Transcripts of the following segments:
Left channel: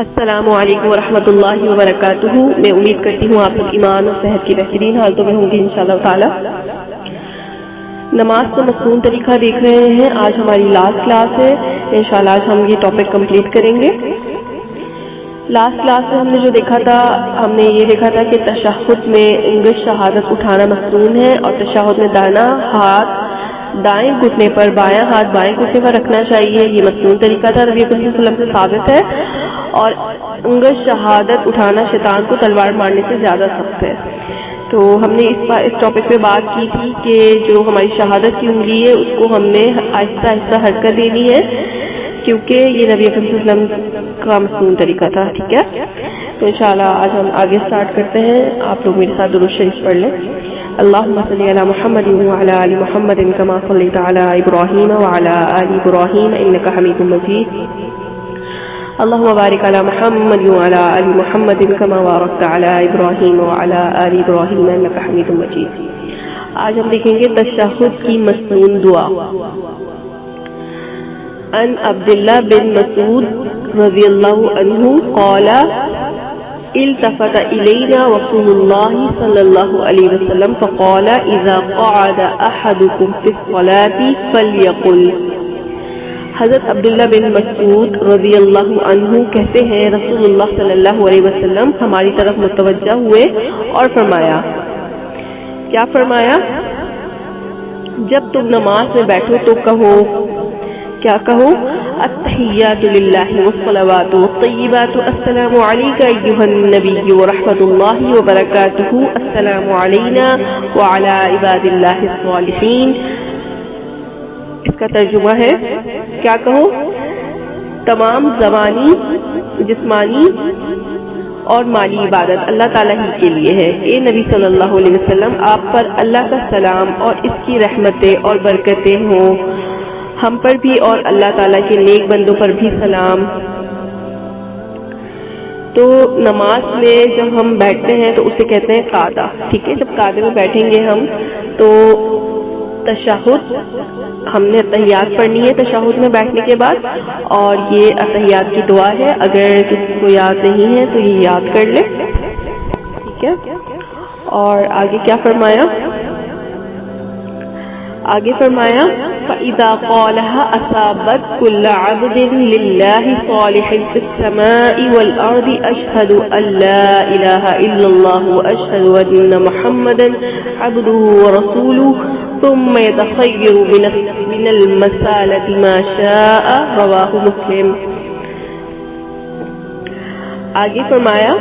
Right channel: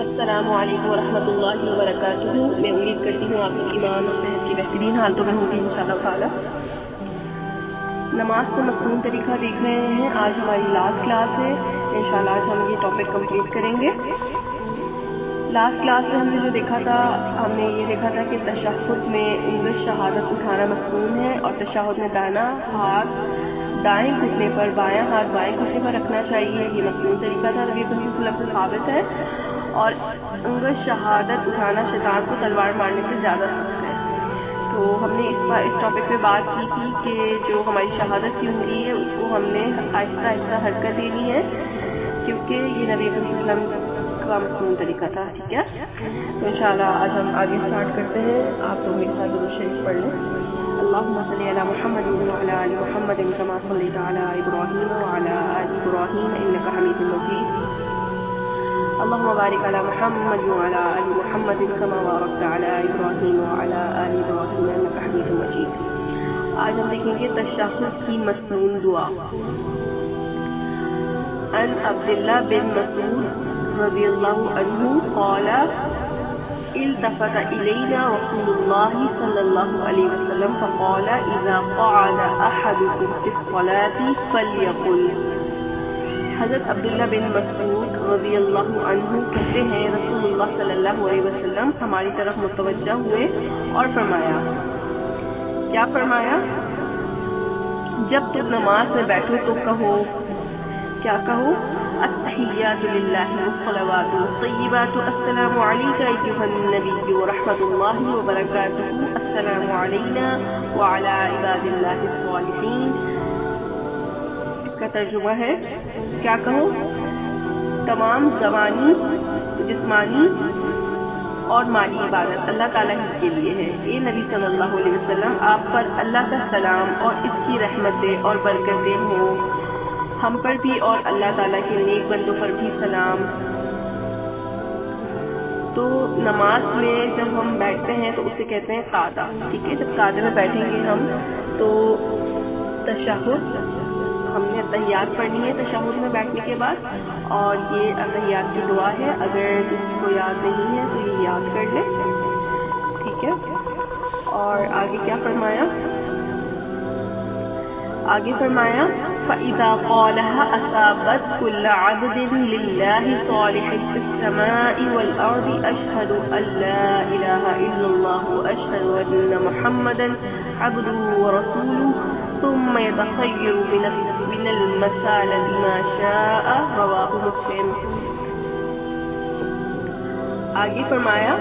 السلام علیکم ورحمۃ اللہ وبرکاتہ۔ میں امید کرتی ہوں آپ لوگ ایمان اور صحت کی بہترین حالتوں میں ہوں گے انشاءاللہ تعالی۔ نماز کا مصنون طریقہ دیکھ رہے ہیں، آج ہماری لاسٹ کلاس ہے، انشاءاللہ آج ہم یہ ٹاپک کمپلیٹ کریں گے۔ لاسٹ کلاس میں ہم نے جو دیکھا تھا، ہم نے یہ دیکھا تھا کہ تشہد میں انگشت شہادت اٹھانا مصنون ہے، اور تشہد میں دائیں ہاتھ دائیں گھٹنے پر، بایاں ہاتھ بائیں گھٹنے پر رکھنا چاہیے، یہ مصنون طریقہ تھا، نبی صلی اللہ علیہ وسلم سے ثابت ہے۔ اور انگشت شہادت اٹھانا شیطان کو تلوار مارنے سے زیادہ سخت ہے۔ تو ہم نے اس ٹاپک پہ بات کی تھی کہ جو ہماری شہادت کی انگلی ہے اس کو ہم نے آہستہ آہستہ حرکت دینی ہے، کیونکہ یہ نبی اکرم صلی اللہ علیہ وسلم کا مصنون طریقہ تھا، ٹھیک ہے۔ تو انشاءاللہ آج ہم آگے سٹارٹ کرتے ہیں، آپ لوگ میرے ساتھ درود شریف پڑھ لیں۔ اللہم صلی علی محمد وعلی آل محمد کما صلیت علی ابراہیم وعلی آل ابراہیم انک حمید مجید۔ اللهم بارك على محمد وعلى آل محمد كما باركت على إبراهيم وعلى آل إبراهيم إنك حميد مجيد۔ آج ہم دیکھیں گے تشہد کی مصنون دعا۔ عن عبداللہ بن مسعود رضی اللہ عنہ قال التفت إلينا رسول الله صلى الله عليه وسلم فقال إذا قعد أحدكم في الصلاة فليقل۔ حضرت عبداللہ بن مسعود رضی اللہ عنہ کہتے ہیں رسول اللہ صلی اللہ علیہ وسلم ہماری طرف متوجہ ہوئے اور فرمایا، کیا فرمایا؟ جب تم نماز میں بیٹھو تو کہو، کیا کہو؟ التحیات للہ والصلوات والطیبات، السلام علیک ایھا النبی ورحمۃ اللہ وبرکاتہ، السلام علینا وعلی عباد اللہ الصالحین۔ اس کا ترجمہ ہے، کیا کہو؟ تمام زبانی، جسمانی اور مالی عبادت اللہ تعالیٰ ہی کے لیے ہے۔ اے نبی صلی اللہ علیہ وسلم، آپ پر اللہ کا سلام اور اس کی رحمتیں اور برکتیں ہوں، ہم پر بھی اور اللہ تعالیٰ کے نیک بندوں پر بھی سلام۔ تو نماز میں جب ہم بیٹھتے ہیں تو اسے کہتے ہیں قعدہ، ٹھیک ہے۔ جب قعدے میں بیٹھیں گے ہم تو تشہد، ہم نے اتحیات پڑھنی ہے تشہد میں بیٹھنے کے بعد، اور یہ اتحیات کی دعا ہے، اگر کسی کو یاد نہیں ہے تو یہ یاد کر لے، ٹھیک ہے۔ اور آگے کیا فرمایا؟ آگے فرمایا فَإِذَا قَالَهَا أَصَابَتْ كُلَّ عَبْدٍ لِلَّهِ صَالِحٍ فِي السَّمَاءِ وَالْأَرْضِ أَشْهَدُ أَن لَّا إِلَٰهَ إِلَّا اللَّهُ وَأَشْهَدُ أَنَّ مُحَمَّدًا عَبْدُهُ وَرَسُولُهُ ثم يتخير من المسالة ما شاء، رواہ مسلم۔ آگے فرمایا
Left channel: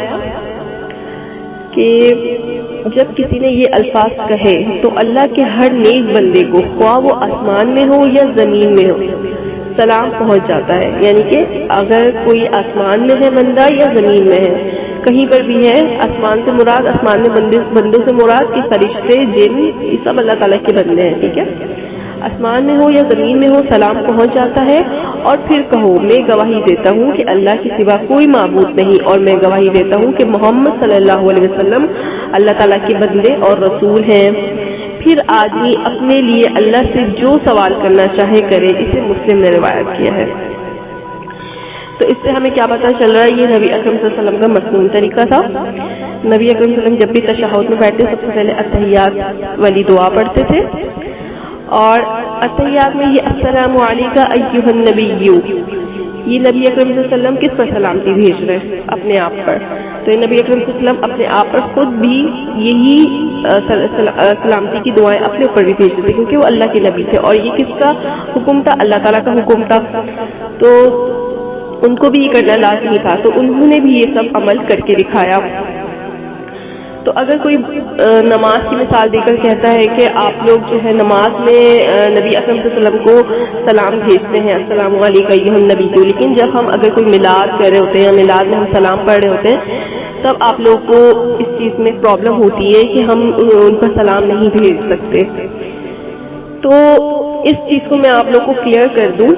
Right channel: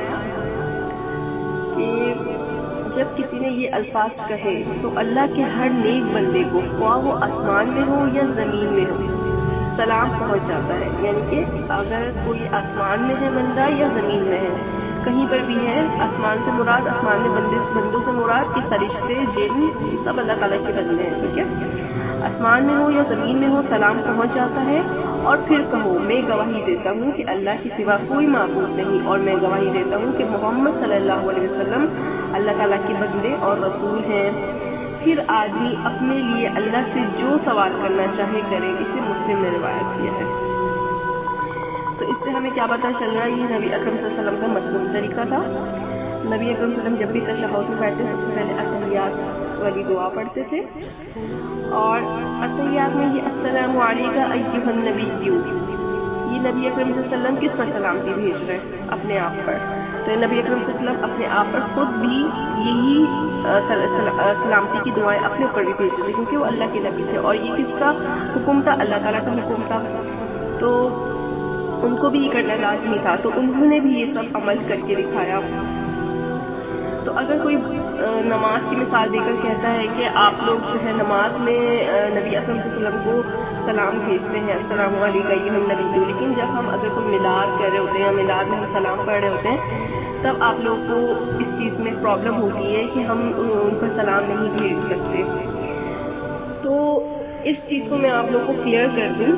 کہ جب کسی نے یہ الفاظ کہے تو اللہ کے ہر نیک بندے کو، خواہ وہ آسمان میں ہو یا زمین میں ہو، سلام پہنچ جاتا ہے۔ یعنی کہ اگر کوئی آسمان میں ہے بندہ یا زمین میں ہے، کہیں پر بھی ہے، آسمان سے مراد، آسمان میں بندوں سے مراد کہ فرشتے، جن، یہ سب اللہ تعالیٰ کے بندے ہیں، ٹھیک ہے۔ آسمان میں ہو یا زمین میں ہو، سلام پہنچ جاتا ہے۔ اور پھر کہو، میں گواہی دیتا ہوں کہ اللہ کے سوا کوئی معبود نہیں، اور میں گواہی دیتا ہوں کہ محمد صلی اللہ علیہ وسلم اللہ تعالیٰ کے بندے اور رسول ہیں۔ پھر آدمی اپنے لیے اللہ سے جو سوال کرنا چاہے کرے، اسے مسلم نے روایت کیا ہے۔ تو اس سے ہمیں کیا پتہ چل رہا ہے؟ یہ نبی اکرم صلی اللہ علیہ وسلم کا مصنون طریقہ تھا۔ نبی اکرم صلی اللہ علیہ وسلم جب بھی تشہد میں بیٹھتے سب سے پہلے اتحیات والی دعا پڑھتے تھے، اور اتحیات میں یہ السلام علیک ایھا النبی، یہ نبی اکرم صلی اللہ علیہ وسلم کس پر سلامتی بھیج رہے ہیں؟ اپنے آپ پر۔ تو نبی اکرم صلی اللہ علیہ وسلم اپنے آپ پر خود بھی یہی سلامتی کی دعائیں اپنے اوپر بھی بھیجتے تھے، کیونکہ وہ اللہ کے نبی تھے، اور یہ کس کا حکم تھا؟ اللہ تعالیٰ کا حکم تھا، تو ان کو بھی یہ کرنا لازمی تھا، تو انہوں نے بھی یہ سب عمل کر کے دکھایا۔ تو اگر کوئی نماز کی مثال دے کر کہتا ہے کہ آپ لوگ جو ہے نماز میں نبی اکرم صلی اللہ علیہ وسلم کو سلام بھیجتے ہیں، السلام علیکم ایھا النبی، لیکن جب ہم اگر کوئی میلاد کر رہے ہوتے ہیں یا میلاد میں ہم سلام پڑھ رہے ہوتے ہیں، تب آپ لوگ کو اس چیز میں پرابلم ہوتی ہے کہ ہم ان پر سلام نہیں بھیج سکتے۔ تو اس چیز کو میں آپ لوگ کو کلیئر کر دوں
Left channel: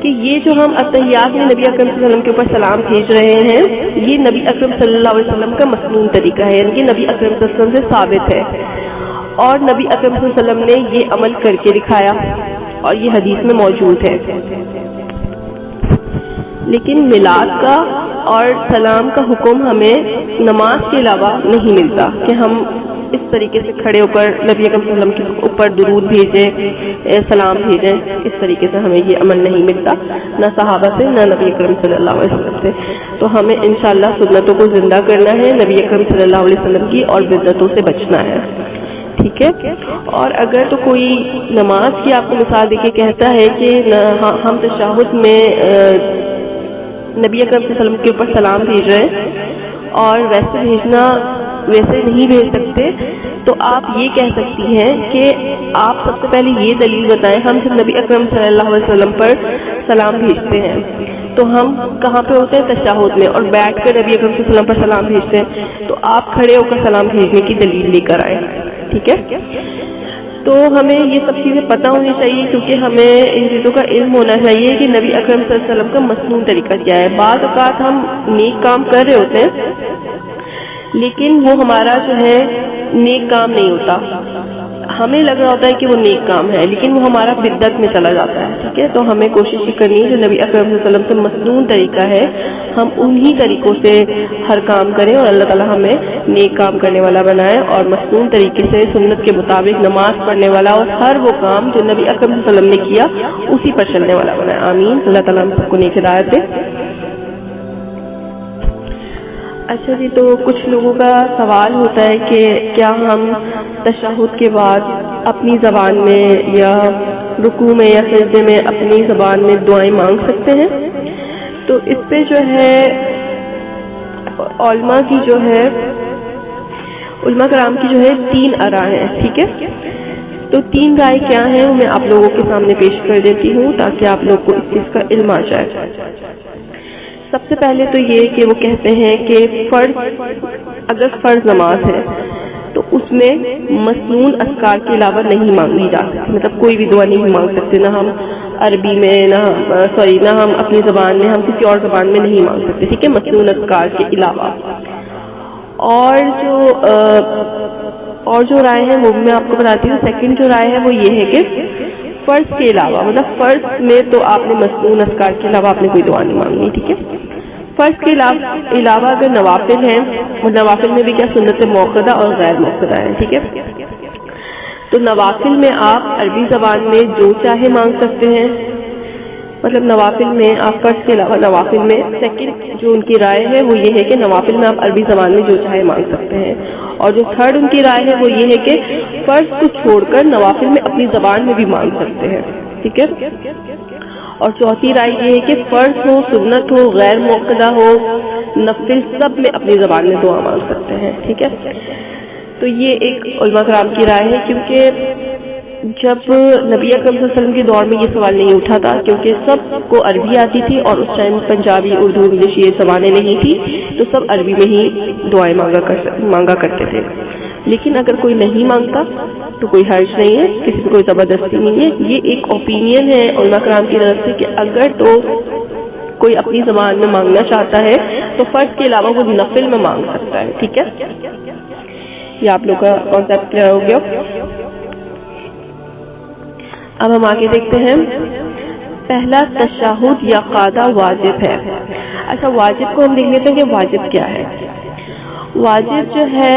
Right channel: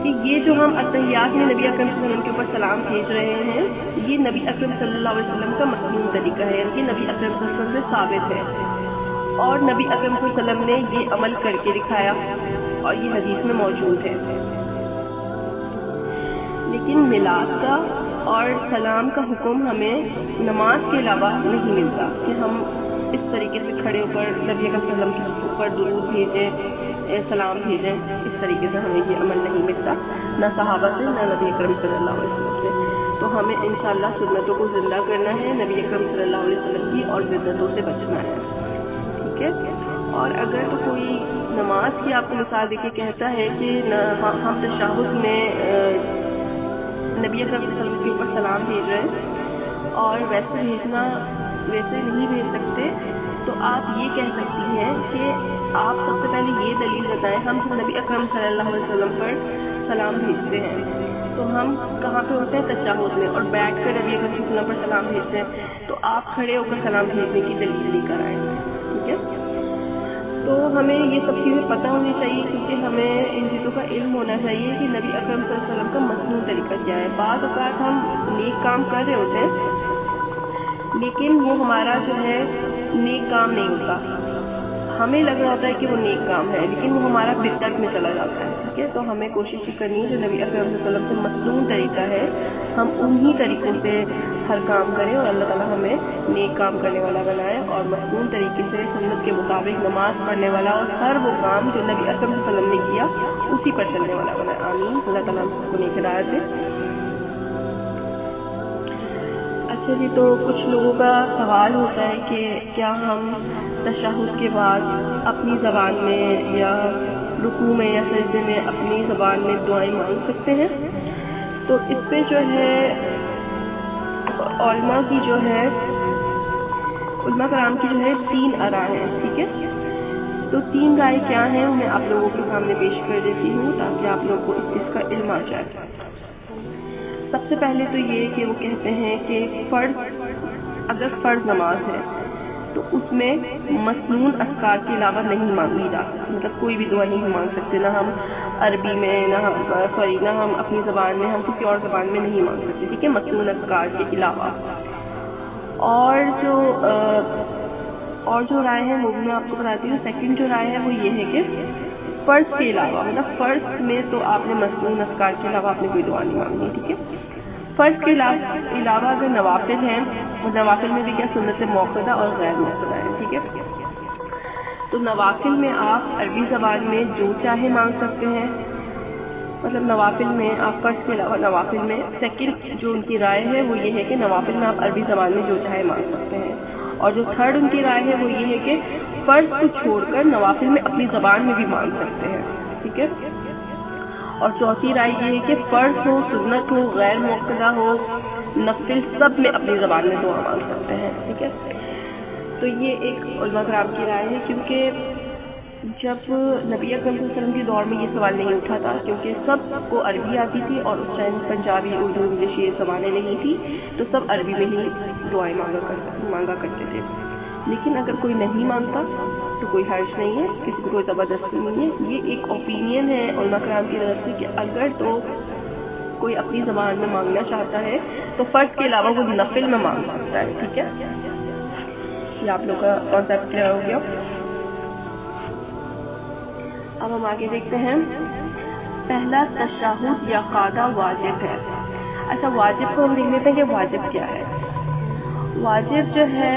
کہ یہ جو ہم اتحیات میں نبی اکرم صلی اللہ علیہ وسلم کے اوپر سلام بھیج رہے ہیں، یہ نبی اکرم صلی اللہ علیہ وسلم کا مصنون طریقہ ہے، یعنی کہ نبی اکرم صلی اللہ علیہ وسلم سے ثابت ہے، اور نبی اکرم صلی اللہ علیہ وسلم نے یہ عمل کر کے دکھایا، اور یہ حدیث میں موجود ہے۔ لیکن میلاد کا اور سلام کا حکم ہمیں نماز کے علاوہ نہیں ملتا کہ ہم اس طریقے سے کھڑے ہو کر نبی اکرم صلی اللہ علیہ وسلم کے اوپر درود بھیجیں، سلام بھیجیں. اس طریقے سے ہمیں یہ عمل نہیں ملتا، نہ صحابہ سے نہ نبی اکرم صلی اللہ علیہ وسلم سے. تو ہمیں انشاءاللہ سنتوں کو زندہ کرنا ہے، نبی اکرم صلی اللہ علیہ وسلم کی اور بدعتوں سے بچنا ہے. ٹھیک ہے. اور اگر تو کوئی نماز کی آپ کو مثال دے کے کہتا ہے کہ ہم تشہد میں نبی اکرم صلی اللہ علیہ وسلم کے اوپر سلام بھیج رہے ہیں اور ویسے نہیں بھیج سکتے، تو آپ یہ کہہ سکتی ہیں کہ آپ سب سے پہلے یہ دلیل بتائیں. ہم جب نبی اکرم صلی اللہ علیہ وسلم پر سلام بھیجتے ہیں تو ہم کہاں پہ ہوتے ہیں؟ تشہد میں، اور بیٹھ کر نبی اکرم صلی اللہ علیہ وسلم پر سلام بھیجتے ہیں. تو آپ کھڑے ہو کر سلام بھیجنے کی دلیل لے کر آئیں. ٹھیک ہے. تو ہمیں یہ سب چیزیں پتہ ہونی چاہیے، کیونکہ ہمیں ان چیزوں کا علم ہونا چاہیے کہ نبی اکرم صلی اللہ علیہ وسلم کا مصنون طریقہ کیا ہے. بعض اوقات ہم نیک کام کر رہے ہوتے ہیں لیکن وہ ہمارا جو ہے نیک کام نہیں ہوتا. ہمیں لگ رہا ہوتا ہے کہ وہ نیک کام ہے لیکن وہ ہمارا بدعت میں چلا جاتا ہے. ٹھیک ہے. تو ہمیں کوشش کرنی ہے جو نبی اکرم صلی اللہ علیہ وسلم کا مصنون طریقہ ہے ہم انہی طریقوں سے ہر کام کریں، اور اللہ تعالیٰ ہمیں نیک کام کرنے والا بنائے اور مصنون طریقے سے سنت کے مطابق نماز پڑھنے والا اور ہر وہ کام جو نبی اکرم صلی اللہ علیہ وسلم نے کیا اسی پر چلنے والا بنائے. آمین. اللہ تعالیٰ ہم سب کو نیک ہدایت دے. اچھا جی، تو کچھ لوگوں کا سوال ہوتا ہے کہ کیا ہم تشہد کے بعد اپنی زبان میں یا رکوع میں یا سجدے میں اپنی زبان میں دعائیں مانگ سکتے ہیں؟ تو اس پہ جو ہے علماء کرام کی جو ہے 3 آراء ہیں. ٹھیک ہے. تو 3 رائے کیا ہیں وہ میں آپ لوگوں کے سامنے پیش کر دیتی ہوں تاکہ آپ لوگ کو اس چیز کا علم آ جائے. سب سے پہلے تو یہ کہ وہ کہتے ہیں کہ اگر فرض نماز ہے تو اس میں مسنون اذکار کے علاوہ نہیں مانگی جا سکتی، مطلب کوئی بھی دعا نہیں مانگ سکتے، نہ ہم عربی میں نہ ہم اپنی زبان میں، ہم کسی اور زبان میں نہیں مانگ سکتے. ٹھیک ہے. مسنون اذکار کے علاوہ. اور جو رائے ہے وہ میں آپ کو بتاتی ہوں. سیکنڈ جو رائے ہے وہ یہ ہے کہ فرض کے علاوہ، مطلب فرض میں تو آپ نے مسنون اذکار کے علاوہ آپ نے کوئی دعا نہیں مانگنی. ٹھیک ہے. فرض کے علاوہ اگر نوافل ہیں، نوافل میں بھی کیا سنت موقدہ اور غیر موقدہ ہیں. ٹھیک ہے. تو نوافل میں آپ عربی زبان میں جو چاہے مانگ سکتے ہیں، مطلب نوافل میں آپ فرض کے علاوہ نوافل میں سیکنڈ جو ان کی رائے ہے وہ یہ ہے کہ نوافل میں آپ عربی زبان میں جو چاہے مانگ سکتے ہیں. اور جو تھرڈ ان کی رائے ہے وہ یہ ہے کہ فرض کو چھوڑ کر نوافل میں اپنی زبان میں بھی مانگ سکتے ہیں. ٹھیک ہے. اور چوتھی رائے یہ ہے کہ فرض ہو، سنت ہو، غیر موقدہ ہو، نفل، سب میں اپنی زبان میں دعا مانگ سکتے ہیں. ٹھیک ہے. تو یہ ایک علماء کرام کی رائے ہے، کیونکہ جب نبی اکرم صلی اللہ علیہ وسلم کے دور میں یہ سوال نہیں اٹھا تھا، کیونکہ سب کو عربی آتی تھی اور اس ٹائم پنجابی، اردو، انگلش یہ زبانیں نہیں تھی، تو سب عربی میں ہی دعائیں مانگا کرتے تھے. لیکن اگر کوئی نہیں مانگتا تو کوئی حرج نہیں ہے، کسی کو کوئی زبردستی نہیں ہے. یہ ایک اوپینین ہے علماء کرام کی طرف سے کہ اگر تو کوئی اپنی زبان میں مانگنا چاہتا ہے تو فرض کے علاوہ وہ نفل میں مانگ سکتا ہے. ٹھیک ہے. یہ آپ لوگ کا کانسیپٹ کلیئر ہو گیا. اب ہم آگے دیکھتے ہیں. پہلا، تشہد یا قاعدہ واجب ہے. اچھا، واجب کو ہم دیکھ لیتے ہیں کہ واجب کیا ہے. واجب جو ہے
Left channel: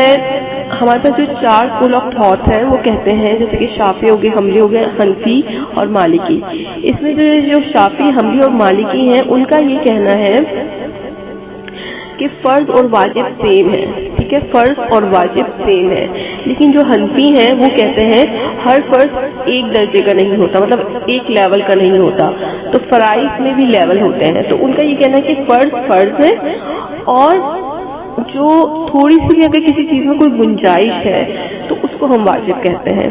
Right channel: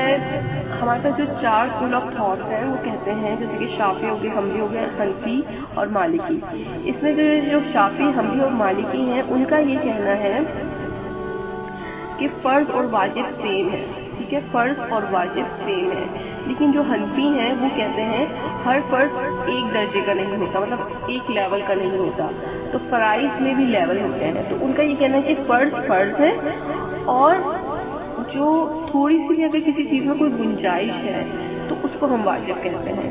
ہمارے پاس جو 4 اسکول آف تھاٹ ہیں وہ کہتے ہیں، جیسے کہ شافعی ہو گئے، حنبلی ہو گئے، حنفی اور مالکی. اس میں جو شافعی، حنبلی اور مالکی ہیں ان کا یہ کہنا ہے کہ فرض اور واجب سیم ہے. ٹھیک ہے. فرض اور واجب سیم ہے. لیکن جو حنفی ہیں وہ کہتے ہیں ہر فرض ایک درجے کا نہیں ہوتا، مطلب ایک لیول کا نہیں ہوتا، تو فرائض میں بھی لیول ہوتے ہیں. تو ان کا یہ کہنا ہے کہ فرض ہے، اور جو تھوڑی سی بھی اگر کسی چیز میں کوئی گنجائش ہے تو اس کو ہم واجب کہتے ہیں.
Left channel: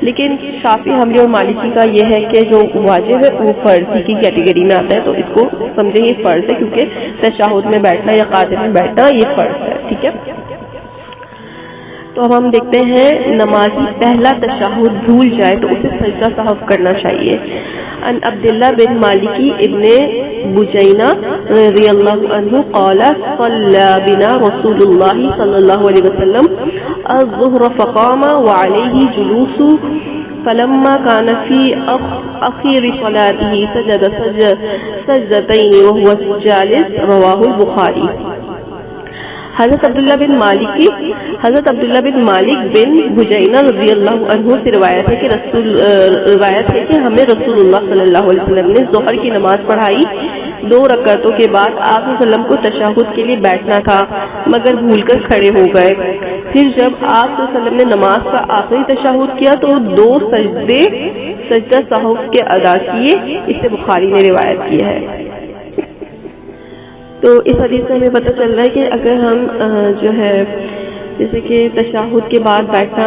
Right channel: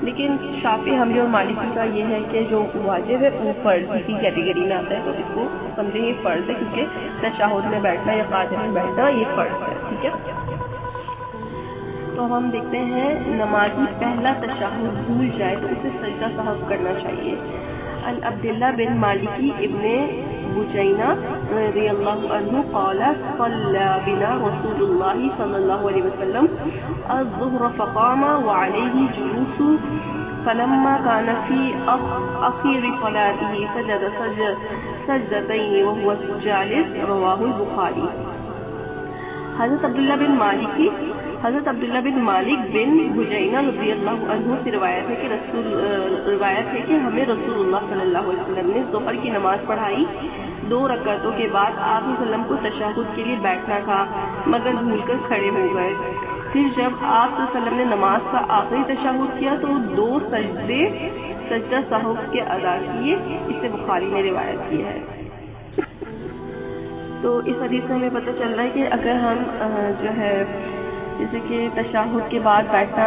لیکن شافعی، حنبلی اور مالکی کا یہ ہے کہ جو واجب ہے وہ فرض کی کیٹیگری میں آتا ہے، تو اس کو سمجھیں یہ فرض ہے، کیونکہ تشہد میں بیٹھنا یا قاعدے میں بیٹھنا یہ فرض ہے. ٹھیک ہے. تو اب ہم دیکھتے ہیں نمازی پہلا تشہد بھول جائے تو اسے سجدہ سہو کرنا چاہیے. ان عبداللہ بن مالکی ابن بجینہ رضی اللہ عنہ قال صلی بنا رسول اللہ صلی اللہ علیہ وسلم الظہر فقام وعلیہ جلوس فلما كان في أخير صلاته سجد سجدتين وهو جالس رواه البخاری۔ حضرت عبداللہ بن مالک بن بجینہ رضی اللہ عنہ سے روایت ہے کہ ہمیں رسول اللہ صلی اللہ علیہ وسلم نے ظہر کی نماز پڑھائی، 2 رکعتوں کے بعد آپ صلی اللہ علیہ وسلم کو تشہد کے لیے بیٹھنا تھا مگر بھول کر کھڑے ہو گئے۔ پھر جب آپ صلی اللہ علیہ وسلم نے نماز کا آخری تشہد کیا تو 2 سجدہ سہو کے ادا کیے، اسے بخاری نے روایت کیا ہے۔ تو اس حدیث سے ہمیں پتہ چل رہا ہے کہ اگر ہم جو ہے جیسے کہ تشہد کے بعد بیٹھنا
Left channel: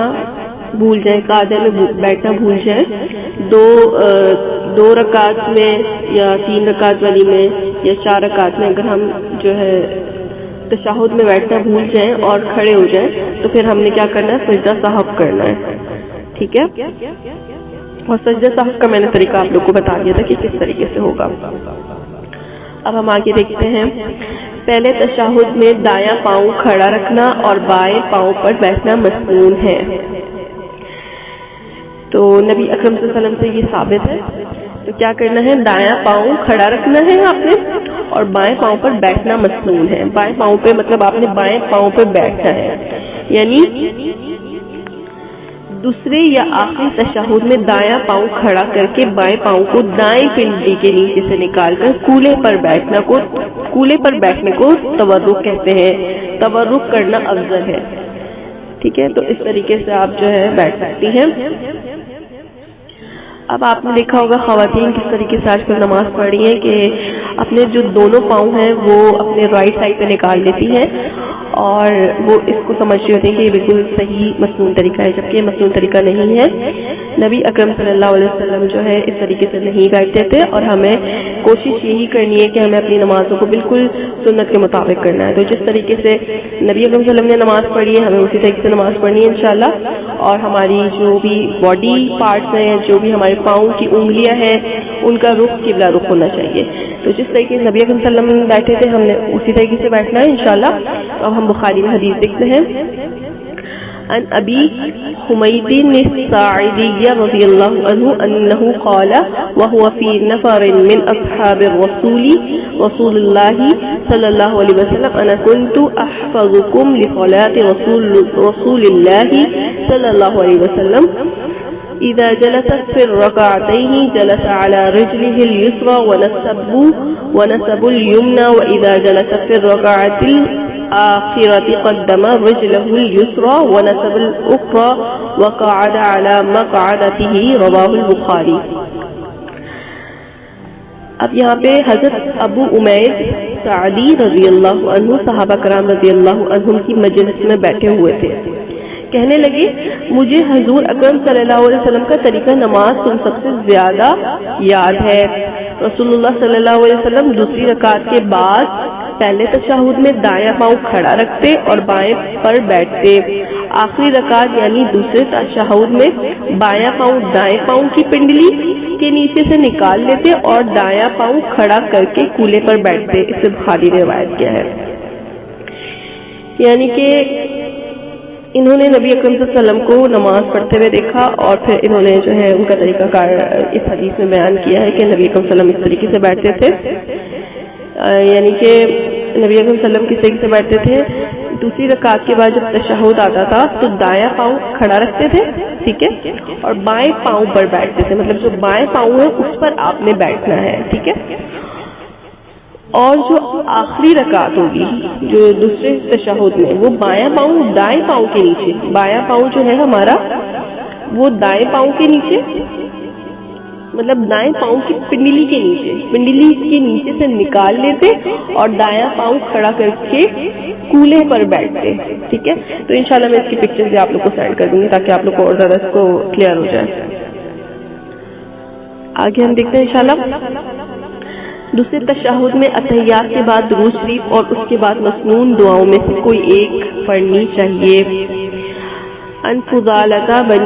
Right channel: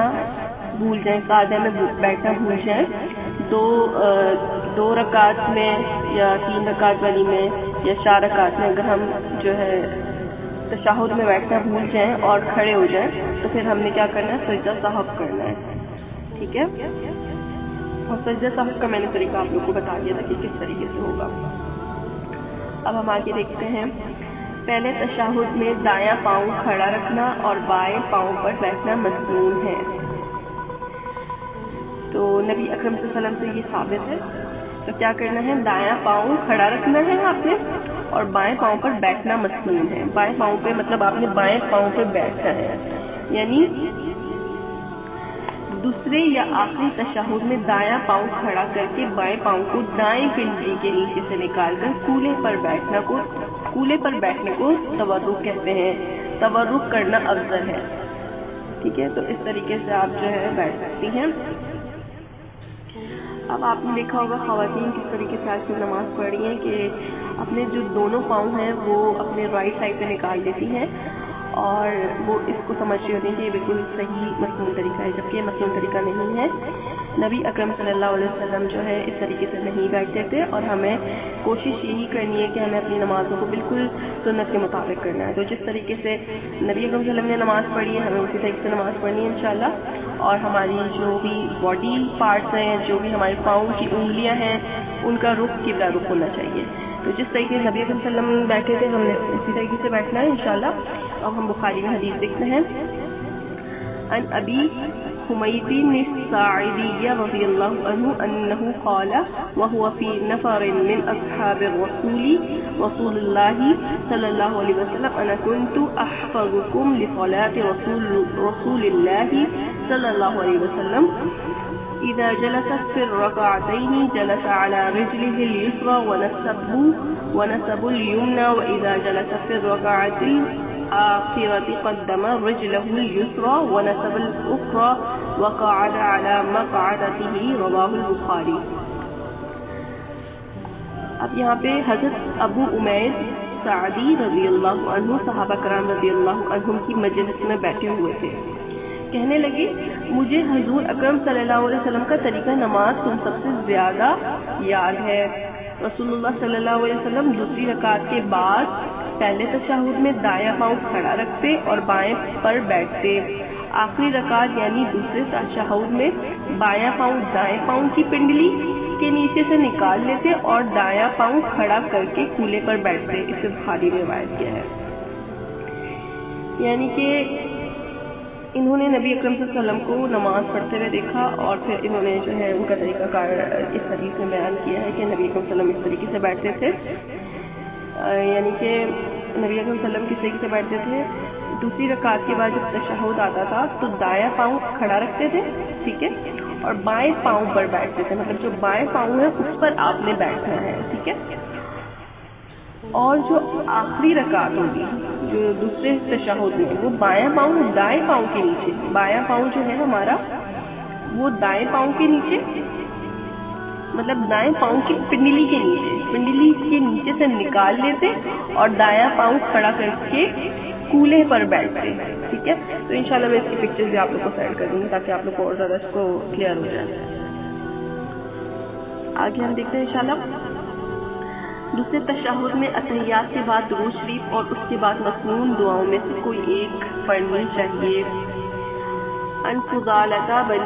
بھول جائیں، قاعدہ میں بیٹھنا بھول جائیں، 2 رکعت میں یا 3 رکعت والی میں یا 4 رکعت میں اگر ہم جو ہے تشہد میں بیٹھنا بھول جائیں اور کھڑے ہو جائیں تو پھر ہم نے کیا کرنا ہے، سجدہ سہو کرنا ہے، ٹھیک ہے۔ اور سجدہ سہو کا میں نے طریقہ آپ لوگ کو بتا دیا تھا کہ کس طریقے سے ہوگا۔ اب ہم آگے دیکھتے ہیں، پہلے تشہد میں دایاں پاؤں کھڑا رکھنا اور بائیں پاؤں پر بیٹھنا مسنون ہے۔ تو نبی اکرم صلی اللہ علیہ وسلم سے یہ ثابت ہے، تو کیا کرنا ہے، دایاں پاؤں کھڑا رکھنا ہے آپ نے اور بائیں پاؤں پر بیٹھنا مسنون ہے۔ بائیں پاؤں پہ مطلب آپ نے بائیں پاؤں پہ بیٹھنا ہے، یعنی دوسرے یا آخری تشہد میں دایاں پاؤں کھڑا کر کے بائیں پاؤں کو دائیں پنڈلی کے نیچے سے نکال کر کولے پر بیٹھنے کو تورک کہتے ہیں۔ تورک کرنا افضل ہے، ٹھیک ہے۔ تو اس طریقے سے آپ جو ہے بیٹھ سکتی ہیں۔ اب آپ نے دیکھا ہوگا خواتین کس طریقے سے آج کل نماز پڑھ رہی ہیں کہ اپنے جو دونوں پاؤں ہیں وہ اپنے رائٹ سائڈ پہ نکال لیتی ہیں اور وہ اس کو سمجھ رہی ہوتی ہیں کہ یہ بالکل صحیح مسنون طریقہ ہے، جبکہ یہ مسنون طریقہ نہیں ہے۔ نبی اکرم صلی اللہ علیہ وسلم جو ہے اس طریقے سے نہیں بیٹھتے تھے، اور ہمیں کوشش یہی کرنی ہے کہ ہمیں اپنی نمازوں کو بالکل سنت کے مطابق کرنا ہے۔ تو جس طریقے سے نبی اکرم صلی اللہ علیہ وسلم نے نماز پڑھی ہے ہمیں اسی طریقے سے نماز پڑھنی ہے انشاءاللہ۔ اور ہماری جو بھی باڈی پارٹس ہیں، جو بھی ہمارے پاؤں کی انگلیاں ہیں، ان کا رخ قبلہ رخ ہونا چاہیے۔ تو جس طریقے سے نبی اکرم صلی اللہ علیہ وسلم بیٹھے تھے ہم نے اسی طریقے سے بیٹھنا ہے انشاءاللہ۔ اب ہم بخاری میں حدیث دیکھتے ہیں، عن ابی حمید الساعدی رضی اللہ عنہ انہ قال وهو في نفر من اصحاب رسول اللہ صلی اللہ علیہ وسلم انا كنت احفظكم لصلاة رسول اللہ صلی اللہ علیہ وسلم اذا جلس في الركعتين جلس على رجله اليسرى ونسب اليمنى واذا جلس في الركعة الآخرة قدم رجله اليسرى ونسب الأخرى وقعد على مقعدته رواه البخاری۔ اب یہاں پہ حضرت ابو امید سعدی رضی اللہ عنہ صحابہ کرام رضی اللہ عنہم کی مجلس میں بیٹھے ہوئے تھے، کہنے لگے مجھے حضور اکرم صلی اللہ علیہ وسلم کا طریقہ نماز تم سب سے زیادہ یاد ہے۔ رسول اللہ صلی اللہ علیہ وسلم دوسری رکعت کے بعد پہلے تشہد میں دایاں پاؤں کھڑا رکھتے اور بائیں پر بیٹھتے، آخری رکعت یعنی دوسرے تشہد میں بایاں پاؤں دائیں پاؤں کی پنڈلی کے نیچے سے نکال لیتے اور دایاں پاؤں کھڑا کر کے کولے پر بیٹھتے۔ اسے بخاری نے روایت کیا ہے۔ یعنی کہ انہوں نے نبی اکرم صلی اللہ علیہ وسلم کو نماز پڑھتے ہوئے دیکھا اور پھر انہوں نے جو ہے ان کا طریقہ کار اس حدیث میں بیان کیا ہے کہ نبی اکرم صلی اللہ علیہ وسلم اس طریقے سے بیٹھتے تھے، یعنی کہ نبی اکرم صلی اللہ علیہ وسلم کس طریقے سے بیٹھتے تھے، دوسری رکعت کے بعد جب تشہد آتا تھا تو دایاں پاؤں کھڑا رکھتے تھے، ٹھیک ہے، اور بائیں پاؤں پر بیٹھتے تھے، مطلب جو بائیں پاؤں ہے اس پر آپ نے بیٹھنا ہے، ٹھیک ہے۔ اور جو آخری رکعت ہوگی جو دوسرے تشہد میں وہ بایاں پاؤں دائیں پاؤں کے نیچے، بایاں پاؤں جو ہے ہمارا وہ دائیں پاؤں کے نیچے، مطلب دائیں پاؤں کی پنڈلی کے نیچے سے نکال لیتے اور دایاں پاؤں کھڑا کر کے کولے پر بیٹھتے، ٹھیک ہے۔ تو انشاءاللہ میں اس کی پکچر بھی آپ لوگ کو سینڈ کر دوں گی تاکہ آپ لوگ کو اور زیادہ اس کو کلیئر ہو جائے۔ آگے ہم دیکھتے ہیں انشاءاللہ دوسرے تشہد میں اتحیات کے بعد درود شریف اور اس کے بعد مسنون دعاؤں میں سے کوئی ایک پڑھنی چاہیے۔ ان فضالۃ بن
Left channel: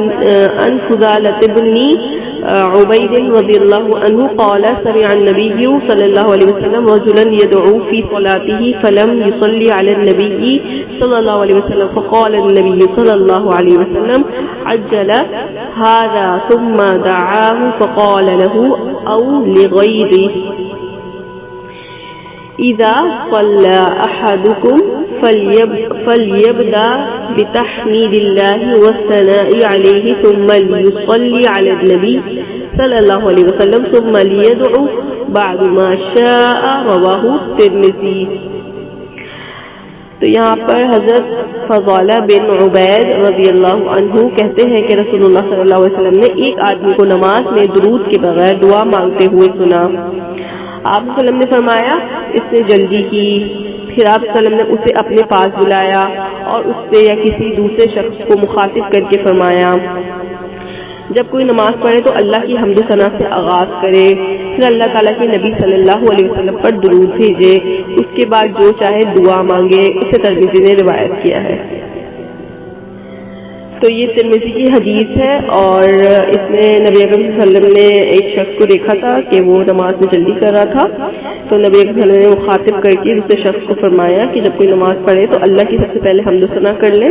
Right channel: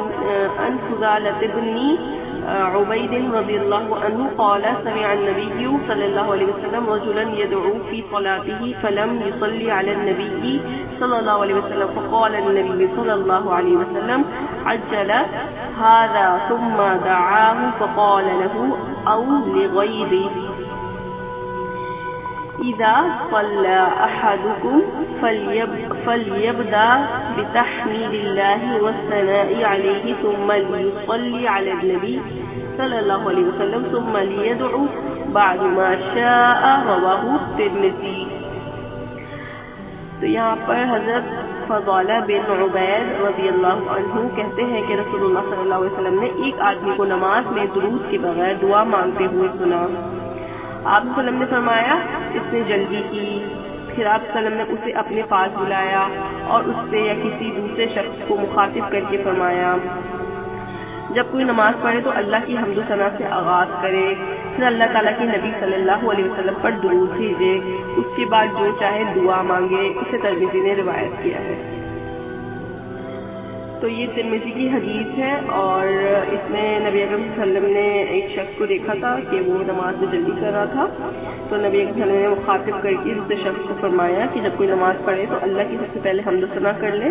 عبيد رضي الله عنه قال سمع النبي صلى الله عليه وسلم رجلا يدعو في صلاته فلم يصلي على النبي صلى الله عليه وسلم فقال النبي صلى الله عليه وسلم عجل هذا ثم دعاه فقال له أو لغيره إذا صلى أحدكم فليبدأ بتحميد الله والثناء عليه ثم ليصلي على النبي صلى الله عليه وسلم ثم ليدعو بعد ما شاء رواه الترمذی. تو یہاں پر حضرت فضالہ بن عبید رضی اللہ عنہ کہتے ہیں کہ رسول اللہ صلی اللہ علیہ وسلم نے ایک آدمی کو نماز میں درود کے بغیر دعا مانگتے ہوئے سنا. آپ صلی اللہ علیہ وسلم نے فرمایا اس نے جلدی کی. پھر آپ صلی اللہ علیہ وسلم نے اسے اپنے پاس بلایا اور اس سے یا کسی دوسرے شخص کو مخاطب کر کے فرمایا جب کوئی نماز پڑھے تو اللہ کی حمد و ثنا سے آغاز کرے, پھر اللہ تعالیٰ کے نبی صلی اللہ علیہ وسلم پر درود بھیجے, اس کے بعد جو چاہے دعا مانگے. اسے ترمذی نے روایت کیا ہے. تو یہ ترمذی کی حدیث ہے اور اس میں نبی اکرم صلی اللہ علیہ وسلم نے ایک شخص کو دیکھا تھا کہ وہ نماز میں جلدی کر رہا تھا, تو نبی اکرم صلی اللہ علیہ وسلم نے مخاطب کر کے دوسرے شخص کو فرمایا کہ جب کوئی نماز پڑھے تو اللہ کی سب سے پہلے حمد و ثنا کر لیں,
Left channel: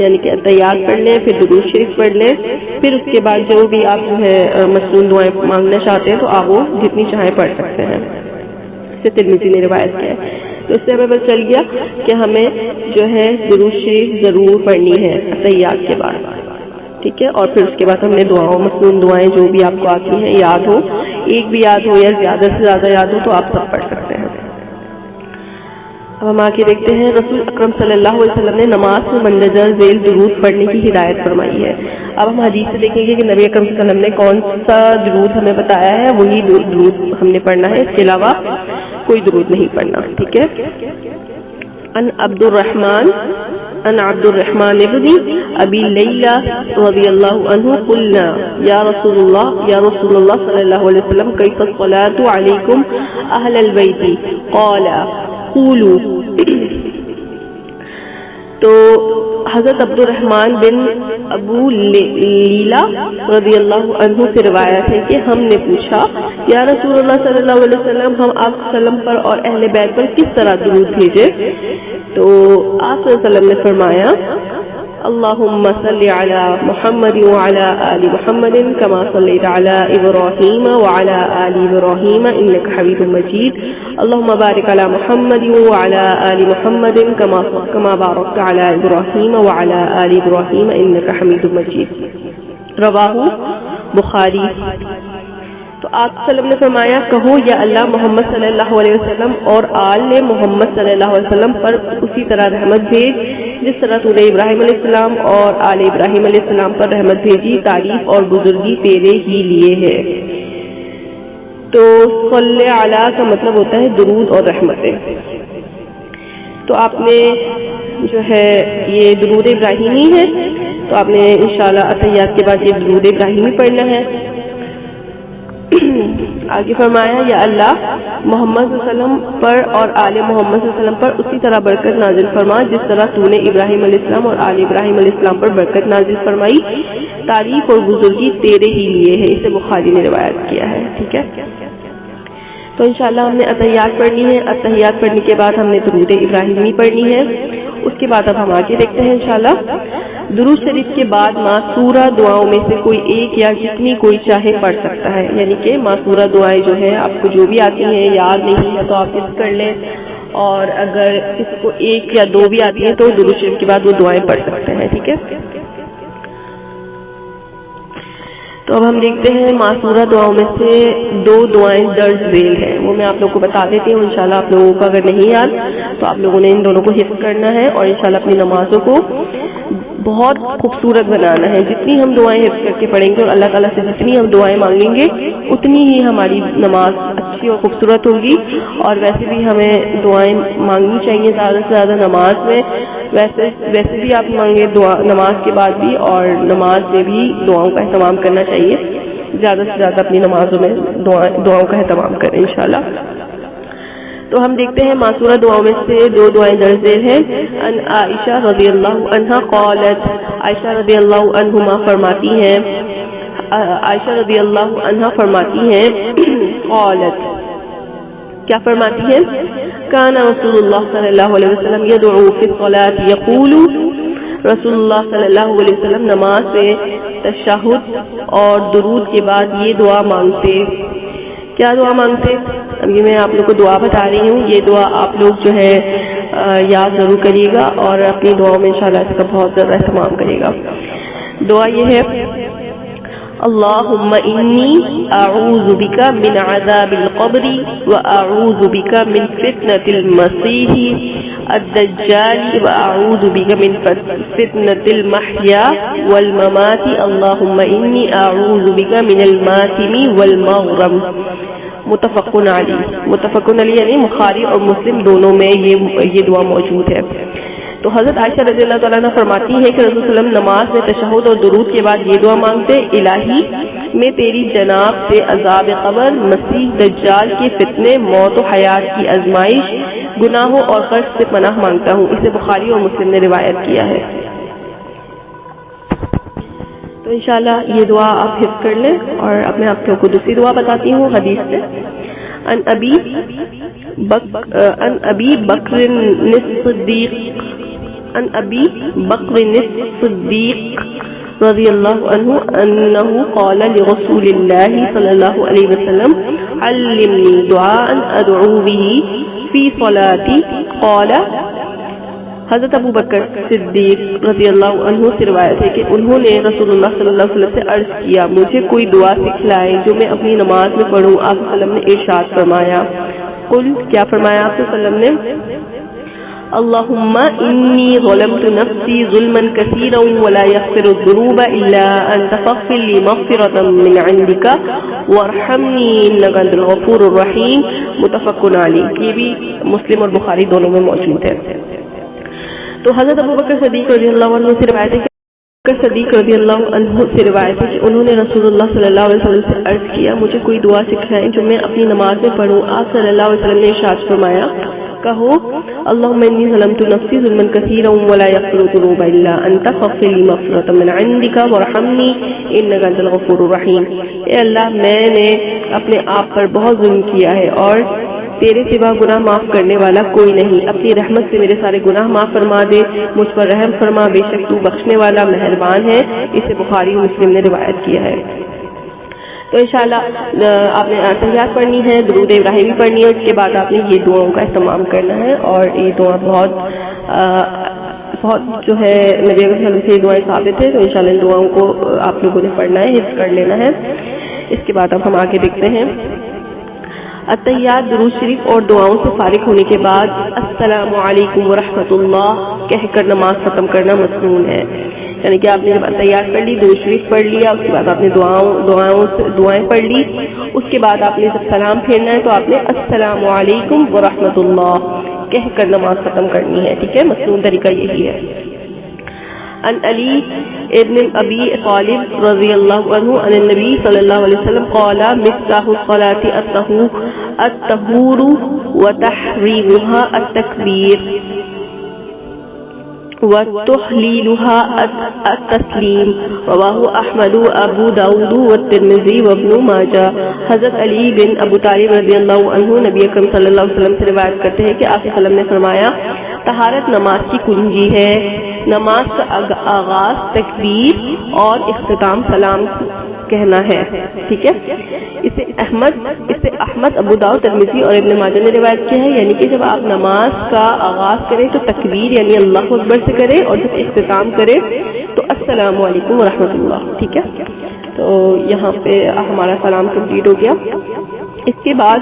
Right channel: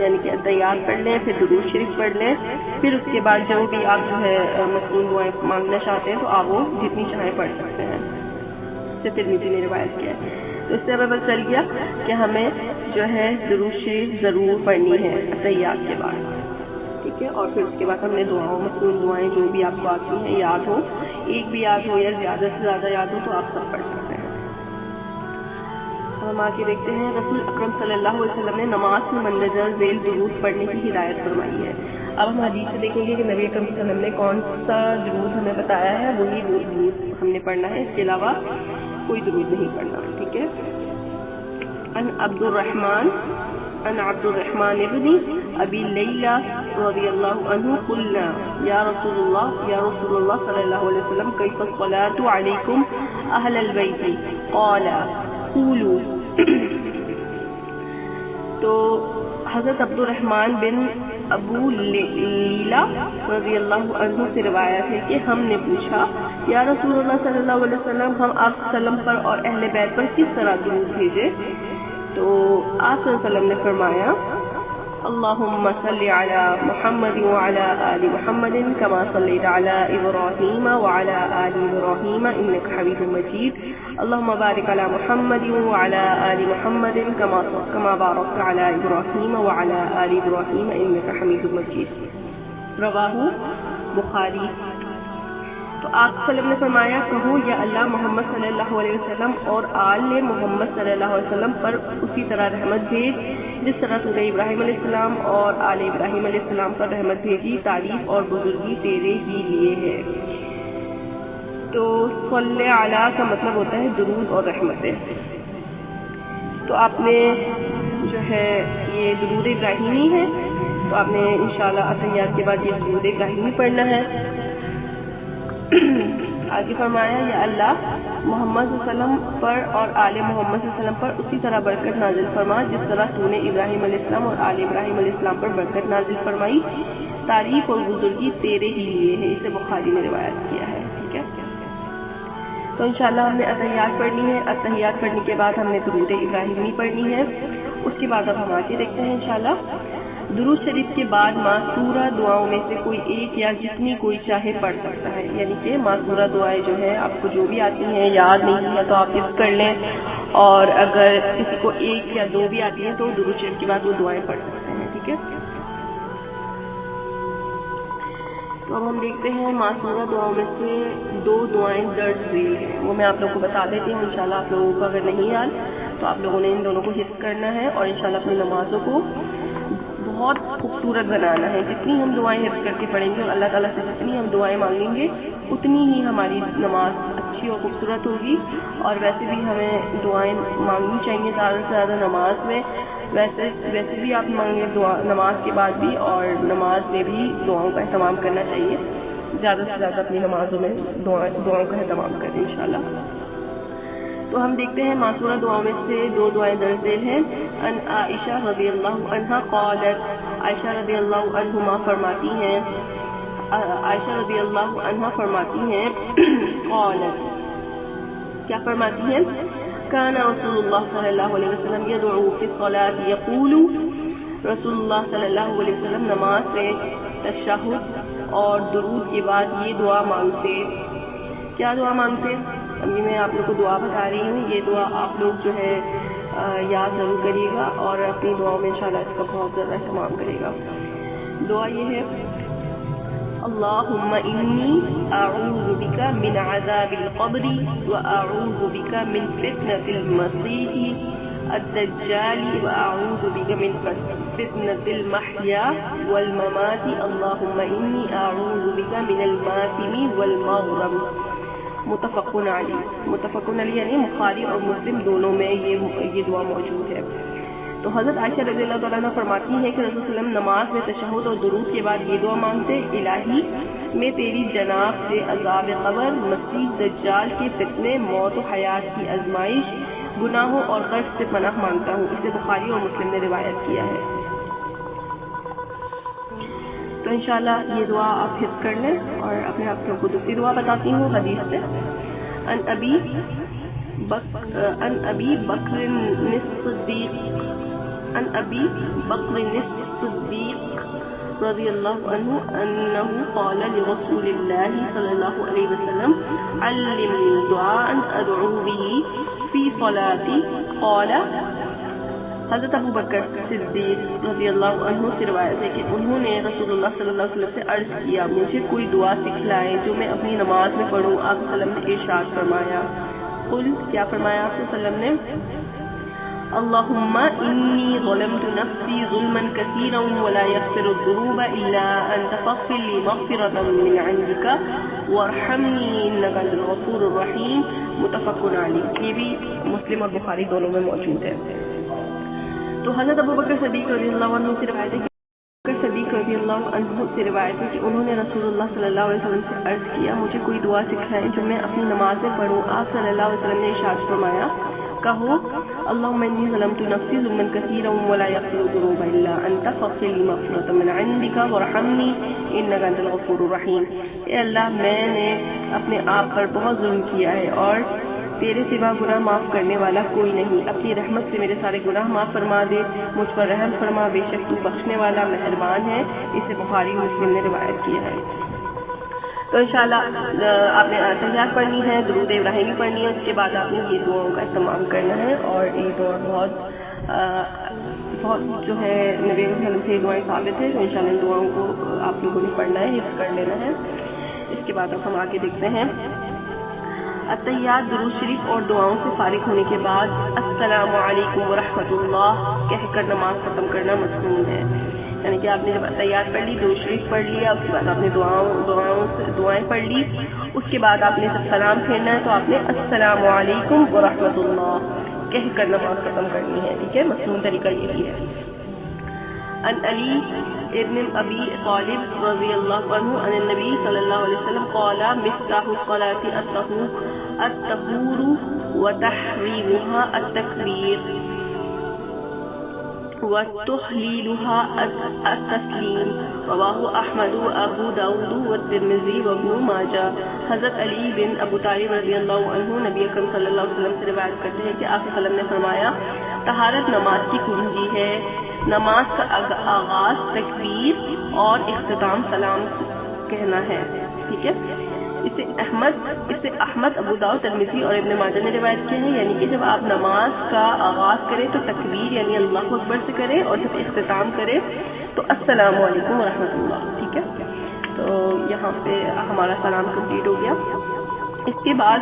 یعنی کہ تیار کر لیں, پھر درود شریف پڑھ لیں, پھر اس کے بعد جو بھی آپ جو ہے مصنون دعائیں مانگنا چاہتے ہیں تو آپ وہ جتنی چاہیں پڑھ سکتے ہیں. اسے ترمذی نے روایت کیا ہے. تو اس سے ہمیں پتہ چل گیا کہ ہمیں جو ہے درود شریف ضرور پڑھنی ہے تحیات کے بعد, ٹھیک ہے. اور پھر اس کے بعد ہم نے دعاؤں مصنون دعائیں جو بھی آپ کو آتی ہیں یاد ہو, ایک بھی یاد ہو یا زیادہ سے زیادہ یاد ہو تو آپ سب پڑھ سکتے ہیں. اب ہم آگے دیکھتے ہیں رسول اکرم صلی اللہ علیہ وسلم نے نماز میں مندرجہ ذیل درود پڑھنے کی ہدایت فرمائی ہے. اب ہم حدیث سے دیکھیں گے کہ نبی اکرم صلی اللہ علیہ وسلم نے کون سا درود ہمیں بتایا ہے, وہی درود ہم نے پڑھنا ہے, اس کے علاوہ کوئی درود نہیں پڑھنا, ٹھیک ہے. ان عبد الرحمن ابن ابی لیلہ رضی اللہ عنہ قلنا یا رسول اللہ صلی اللہ علیہ وسلم کیف الصلاۃ علیکم اہل البیت قال قولوا. تو حضرت عبد الرحمن بن ابو لیلہ رضی اللہ عنہ سے روایت ہے کہ ہم نے پوچھا یا رسول اللہ صلی اللہ علیہ وسلم ہم آپ صلی اللہ علیہ وسلم پر اور اہل بیت پر کس طرح درود بھیجے؟ تو آپ صلی اللہ علیہ وسلم نے فرمایا اللہم صلی علی محمد وعلی آل محمد کما صلیت علی ابراہیم وعلی آل ابراہیم انک حمید مجید اللہم بارک علی محمد وعلی آل محمد کما بارکت علی ابراہیم وعلی آل ابراہیم انک حمید مجید. رواہ بخاری. تو آپ صلی اللہ علیہ وسلم نے فرمایا کہو یا اللہ محمد صلی اللہ علیہ وسلم اور آل محمد صلی اللہ علیہ وسلم پر اسی طرح رحمت بھیج جس طرح تو نے ابراہیم علیہ السلام اور آل ابراہیم علیہ السلام پر رحمت بھیجی, تعریف اور بزرگی تیرے ہی لیے ہے. تو صلی علی کا مطلب ہوتا ہے درود اور رحمتیں. تو آپ نے جو ہے یہ درود ابراہیمی ہے, تو آپ نے انشاءاللہ اتحیات کے بعد یہ درود ابراہیمی پڑھنا ہے. آگے فرمایا یا اللہ محمد صلی اللہ علیہ وسلم پر اور آل محمد صلی اللہ علیہ وسلم پر اسی طرح برکت نازل فرما جس طرح تو نے ابراہیم علیہ السلام اور آل ابراہیم علیہ السلام پر برکت نازل فرمائی, تعریف اور بزرگی تیرے ہی لیے ہے. اسے بخاری نے روایت کیا ہے, ٹھیک ہے. تو انشاءاللہ ہم نے اتحیات پڑھنی ہے. اتحیات پڑھنے کے بعد ہم نے درود ابراہیمی پڑھنی ہے. اس کے بعد اب ہم آگے دیکھتے ہیں انشاءاللہ. درود شریف کے بعد ماسورہ دعاؤں میں سے کوئی ایک یا جتنی کوئی چاہے پڑھ سکتا ہے, یعنی کہ ماسورہ دعائیں جو ہے آپ کو جو بھی آتی ہیں یاد نہیں ہے تو آپ حفظ کر لیں, اور اگر کسی کو ایک یا دو بھی آتی ہیں تو درود شریف کے بعد وہ دعائیں پڑھ سکتے ہیں, ٹھیک ہے. تو اب ہم دیکھتے ہیں ماسورہ دعاؤں میں سے دو دعائیں درج ذیل ہیں, وہ میں آپ لوگوں کو بتا دیتی ہوں. انشاءاللہ آپ لوگوں کو اگر نہیں یاد تو آپ لوگوں نے ان دونوں کو حفظ کرنا ہے اور انشاءاللہ اپنی نمازوں کو بہت خوبصورت بنانا ہے. جتنی ہم دعائیں حفظ کر کے پڑھیں گے اور اللہ تعالیٰ سے جتنی ہم دعائیں مانگیں گے اتنی ہی ہماری نماز اچھی اور خوبصورت ہوگی. اور ویسے بھی ہمیں دعائیں مانگنی چاہیے زیادہ سے زیادہ نماز میں. ویسے بھی آپ مانگیں نماز کے بعد بھی, اور نماز میں بھی دعاؤں کا اہتمام کرنا چاہیے. زیادہ سے زیادہ اپنی نمازوں میں دعاؤں کا اہتمام کریں انشاءاللہ. تو ہم دیکھتے ہیں ماسورہ دعاؤں میں سے دو دعائیں درج ذیل ہیں. ان عائشہ رضی اللہ عنہا قالت, عائشہ رضی اللہ عنہما فرماتی ہیں عائشہ رضی اللہ عنہا فرماتی ہیں قالت، کیا فرماتی ہیں؟ کان رسول اللہ صلی اللہ علیہ وسلم یدعو فی الصلاۃ یقول، رسول اللہ صلی اللہ علیہ وسلم نماز سے تشہد اور درود کے بعد یہ دعا مانگتے. کیا دعا مانگتے؟ اب یہ میں آپ لوگ کو دعا بتا رہی ہوں، یہ دعا آپ لوگ جو ہے یاد ضرور کریے گا اور اپنی دعاؤں میں انشاءاللہ اس کا بہت زیادہ اہتمام کرے گا. دعا یہ ہے، اللہم انی اعوذ بک من عذاب القبر واعوذ بک من فتنة المسیح الدجال واعوذ بک من فتنة المحیا والممات اللہم انی اعوذ بک من الماتم والمغرم. متفقن علی، متفقن علی یعنی بخاری اور مسلم دونوں میں یہ دعا موجود ہے. تو حضرت عائشہ رضی اللہ تعالیٰ عنہ فرماتی ہے کہ رسول صلی اللہ علیہ وسلم نماز میں تشہد اور درود کے بعد یہ دعا مانگتے، الہی میں تیری جناب سے عذاب قبر، مسیح دجال کے فتنے، موت و حیات کی آزمائش، گناہوں اور قرض سے پناہ مانگتا ہوں. اسے بخاری اور مسلم نے روایت کیا ہے. تو انشاءاللہ یہ دعا آپ حفظ کر لیں. اور اب میں آپ کو دوسری دعا بتاتی ہوں حدیث سے. ان ابی بکر الصدیق، عن ابی بکر الصدیق رضی اللہ عنہ انہ قال لرسول اللہ صلی اللہ علیہ وسلم علمنی دعاء ادعو به فی صلاتی. قال، حضرت ابو بکر صدیق رضی اللہ عنہ سے روایت ہے کہ انہوں نے رسول اللہ صلی اللہ علیہ وسلم سے عرض کیا، مجھے کوئی دعا سکھلائے جو میں اپنی نماز میں پڑھوں. آپ صلی اللہ علیہ وسلم نے ارشاد فرمایا، قل، کیا فرمایا آپ صلی اللہ علیہ وسلم نے؟ اللہم انی ظلمت نفسی ظلما کثیرا ولا یغفر الذنوب الا انت فاغفر لی مغفرة من عندک وارحمنی انک انت الغفور الرحیم. متفق علیہ. یہ بھی مسلم اور بخاری دونوں میں موجود ہے. تو حضرت ابو بکر صدیق رضی اللہ عنہ سے روایت ہے کہ صدیق رضی اللہ عنہ سے روایت ہے کہ انہوں نے رسول اللہ صلی اللہ علیہ وسلم سے عرض کیا، مجھے کوئی دعا سکھائیں جو میں اپنی نماز میں پڑھوں. آپ صلی اللہ علیہ وسلم نے ارشاد فرمایا، کہو، اللہم انی ظلمت نفسی ظلما کثیرا ولا یغفر الذنوب الا انت فاغفر لی مغفرۃ من عندک وارحمنی انک انت الغفور الرحیم. اے اللہ، میں نے اپنے آپ پر بہت ظلم کیا ہے اور تیرے سوا گناہ معاف کرنے والا کوئی نہیں. اپنی رحمت سے میرے سارے گناہ معاف فرما دے، مجھ پر رحم فرما، بے شک تو بخشنے والا مہربان ہے. اسے بخاری مسلم نے روایت کیا ہے. تو انشاءاللہ آپ نے تحیات پڑھنی ہے، درود ابراہیمی پڑھنی ہے، اس کے بعد آپ نے یہ دعاؤں کا اہتمام کرنا ہے. اور یہ دعا بہت جو ہے نبی صلی سے دعائیں ثابت ہے. تو انشاءاللہ ان دعاؤں کو آپ لوگوں نے پڑھنا ہے، حفظ کر لینا ہے. اس کے بعد اب ہم آگے دیکھتے ہیں. التحیات درود شریف اور دعاؤں سے فارغ ہونے کے بعد السلام علیکم ورحمۃ اللہ کہہ کر نماز ختم کرنا مسنون ہے. یعنی کہ آپ نے جب التحیات پڑھ لی، درود شریف پڑھ لیا، اس کے بعد آپ نے دعائیں پڑھ لی، اس کے بعد آپ نے جب سلام پھیرنا ہے تو آپ نے السلام علیکم ورحمۃ اللہ کہہ کر نماز ختم کرنی ہے. ٹھیک ہے، مسنون طریقہ یہی ہے. عن علی ابن ابی طالب رضی اللہ عنہ عن النبی صلی اللہ علیہ وسلم قال مفتاح الصلاة الطہور وتحریمها التکبیر وتحلیلها التسلیم. رواہ احمد ابو داود والترمذی وابن ماجہ. حضرت علی بن ابو طالب رضی اللہ عنہ نبی اکرم صلی اللہ علیہ وسلم سے روایت کرتے ہیں کہ آپ صلی اللہ علیہ وسلم نے فرمایا، طہارت نماز کی کنجی ہے. نماز کا آغاز تکبیر اور اختتام سلام کہنا ہے. ٹھیک ہے، اسے احمد ابو داؤد ترمذی اور ابن ماجہ نے روایت کیا ہے. یعنی کہ جب آپ نماز کا آغاز کریں تو تکبیر یعنی اللہ اکبر سے کریں، اور جب اختتام کریں تو السلام علیکم ورحمۃ اللہ. ٹھیک ہے، تو یہاں پہ ہمارا سلام کمپلیٹ ہو گیا. اس کے بعد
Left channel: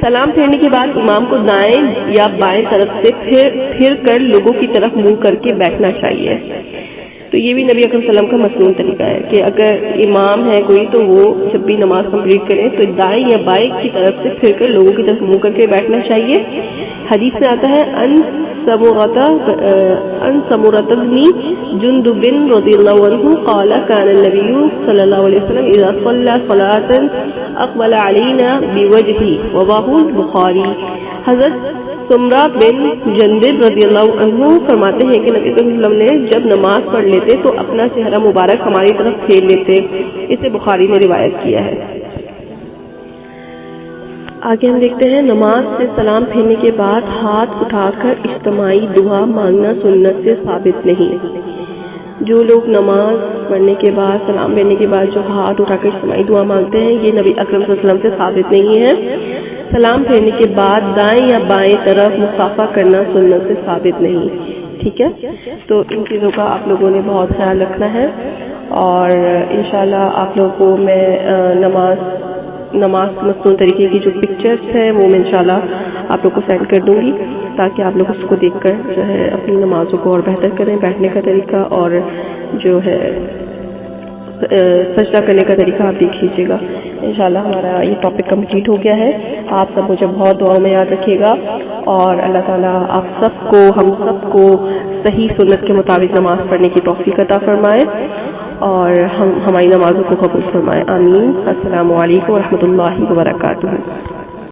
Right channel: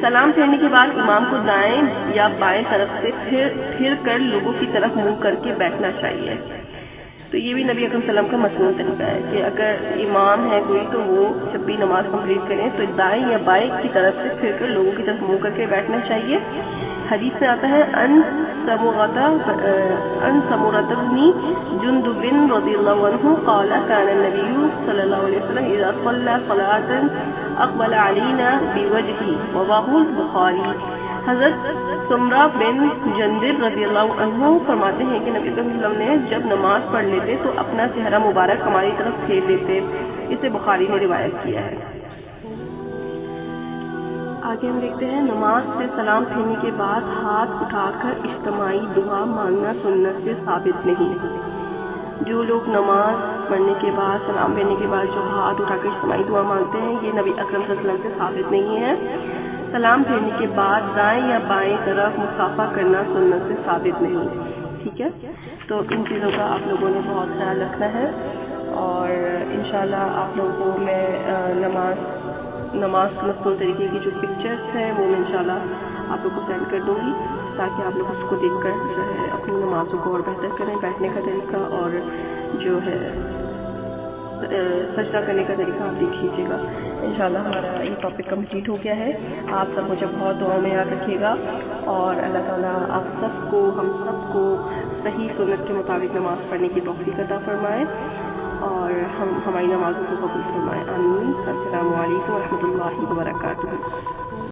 سلام پھیرنے کے بعد امام کو دائیں یا بائیں طرف سے پھر کر لوگوں کی طرف منہ کر کے بیٹھنا چاہیے. تو یہ بھی نبی اکرم صلی اللہ علیہ وسلم کا مسنون طریقہ ہے کہ اگر امام ہے کوئی تو وہ جب بھی نماز کمپلیٹ کریں تو دائیں یا بائیں کی طرف سے پھر کر لوگوں کی طرف منہ کر کے بیٹھنا چاہیے. حدیث میں آتا ہے ان سمرۃ بن جندب رضی اللہ عنہ قال كان النبي صلی اللہ علیہ وسلم اذا صلى صلاة اقبل علينا بوجهه. رواه البخاری. حضرت سمرہ بن جندب رضی اللہ عنہ فرماتے ہیں کہ نبی صلی اللہ علیہ وسلم نے جب نماز پڑھ لیتے تو اپنا چہرہ مبارک ہماری طرف پھیر لیتے. اسے بخاری نے روایت کیا ہے. آگے ہم دیکھتے ہیں نماز سے سلام پھیرنے کے بعد ہاتھ اٹھا کر اجتماعی دعا مانگنا سنت سے ثابت نہیں. جو لوگ نماز پڑھنے کے بعد سلام پھیرنے کے بعد جو ہاتھ اٹھا کر اجتماعی دعا مانگتے ہیں یہ نبی اکرم صلی اللہ علیہ وسلم سے ثابت نہیں ہے. سلام پھیرنے کے بعد دائیں یا بائیں طرف مصافحہ کرنا سنت سے ثابت نہیں. ٹھیک ہے، تو ان چیزوں کا آپ لوگوں نے بہت خیال رکھنا ہے، اور انشاءاللہ آپ لوگوں کو میں نماز مصنوع طریقے کی جو پکچرز ہیں وہ میں انشاءاللہ آپ لوگ کو سینڈ کر دوں گی، تاکہ آپ لوگ اس کو دیکھ کر جو ہے اپنی نمازوں کو اور بہتر کریں. بیٹھنے کا طریقہ اور جو ہے سجدہ کرنے کا طریقہ آپ دیکھ لیجیے گا. انشاءاللہ ہمارا یہ ٹاپک کمپلیٹ ہو گیا ہے. آپ سب مجھے بہت دعاؤں میں یاد رکھیے گا، اور اللہ تعالیٰ آپ سب کو ہم سب کو صحیح سنت کے مطابق نماز پڑھنے کی توفیق عطا فرمائے، اور ہماری نمازوں کو قبول فرمائے. آمین. السلام علیکم ورحمۃ اللہ وبرکاتہ.